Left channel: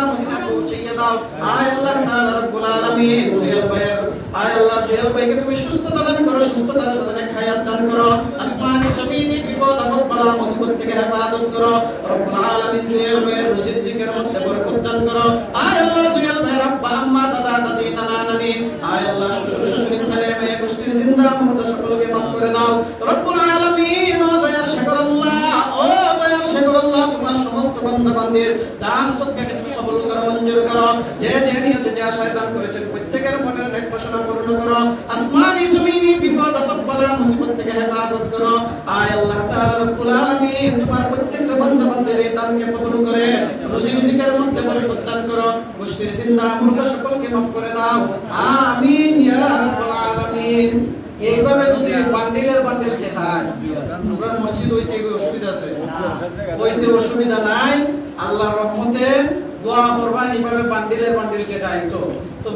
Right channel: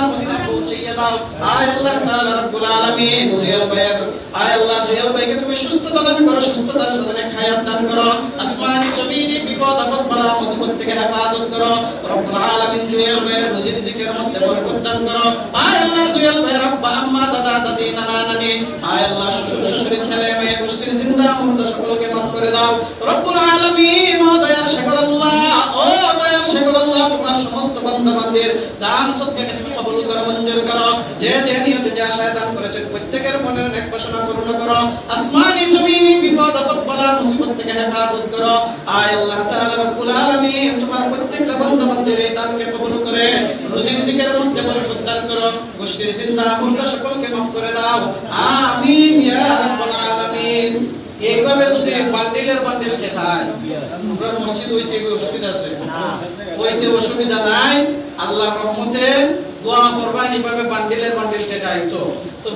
সোনার মদিনা পৌঁছাইয়া দাও। আয় আল্লাহ তাআলা রব্বুল আলামিন জুয়েল ভাইয়ের আয় আল্লাহ জুয়েল ভাইকে তুমি সুস্থতা দান করো, সুস্থতার সাথে হায়াত দান করো, আসমানি জমিনি বিপদ আপদ বালা মুসিবত থেকে হেফাজত করো রব্বুল আলামিন। জুয়েল ভাইয়ের রুজি রিজিকের মধ্যে বরকত দান করো। আয় আল্লাহ জুয়েল ভাইয়ের আব্বা আম্মা দাদা দাদি নানা নানি আয় আল্লাহ শ্বশুর শাশুড়ি ছেলে মেয়ে গোষ্ঠীর জিন্দা মুর্দা সকলকে মাফ করে দাও রব্বুল আলামিন। ও দয়ার শেখর আল্লাহ, ও দয়ার শেখর আল্লাহ, তোমার সমস্ত বান্দা বান্দির দান সদকাকে তুমি কবুল করো, মঞ্জুর করো। যে যে নিয়তে যা শয়তান করেছেন প্রত্যেকের মনের নেক বাসনা পূর্ণ করো, আসমানি জমিনি বিপদ আপদ বালা মুসিবত থেকে হেফাজত করো। আয় আল্লাহ তাআলা রব্বুল আলামিন তোমার প্রত্যেকটা বান্দা বান্দির এই দানকে কবুল করে রুজি রিজিকের মধ্যে বরকত দান করো, গোষ্ঠীর জিন্দা মুর্দা সকলকে মাফ করে দাও। আমিন ইয়া রাব্বাল আলামিন। এইভাবে যদি বান্ডিলের বান্ডিল খায়, আমরা মসজিদ হইতে অসুবিধা আছে, হইতে অসুবিধা নাই, আল্লাহর রহমতে দোয়া করবেন এইভাবে বান্ডিলের বান্ডিল খায় তো